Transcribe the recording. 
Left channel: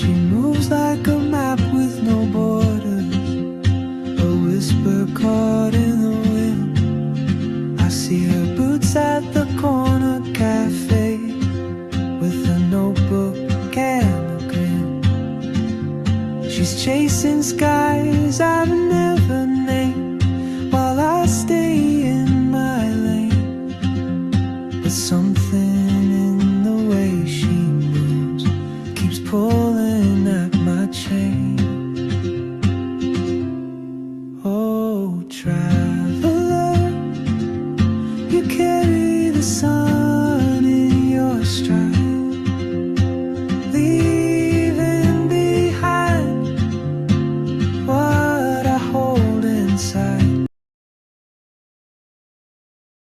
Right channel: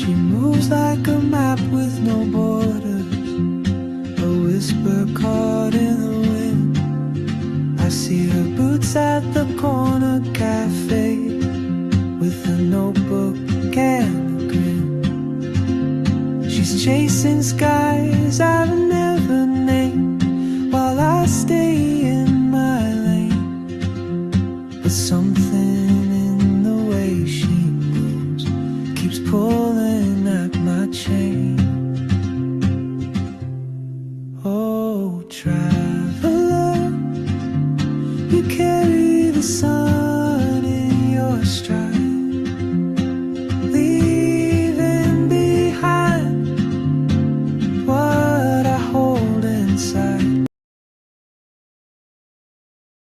She moves like a map with no borders, a whisper caught in the wind. I see her boots at the corner cafe, with a notebook and a grin. She's chasing skies I've never named, while I stay in my lane. But something in the way she moves keeps pulling at my chain. Oh, traveler, you carry the sun in your stride, leaving behind what I hold inside.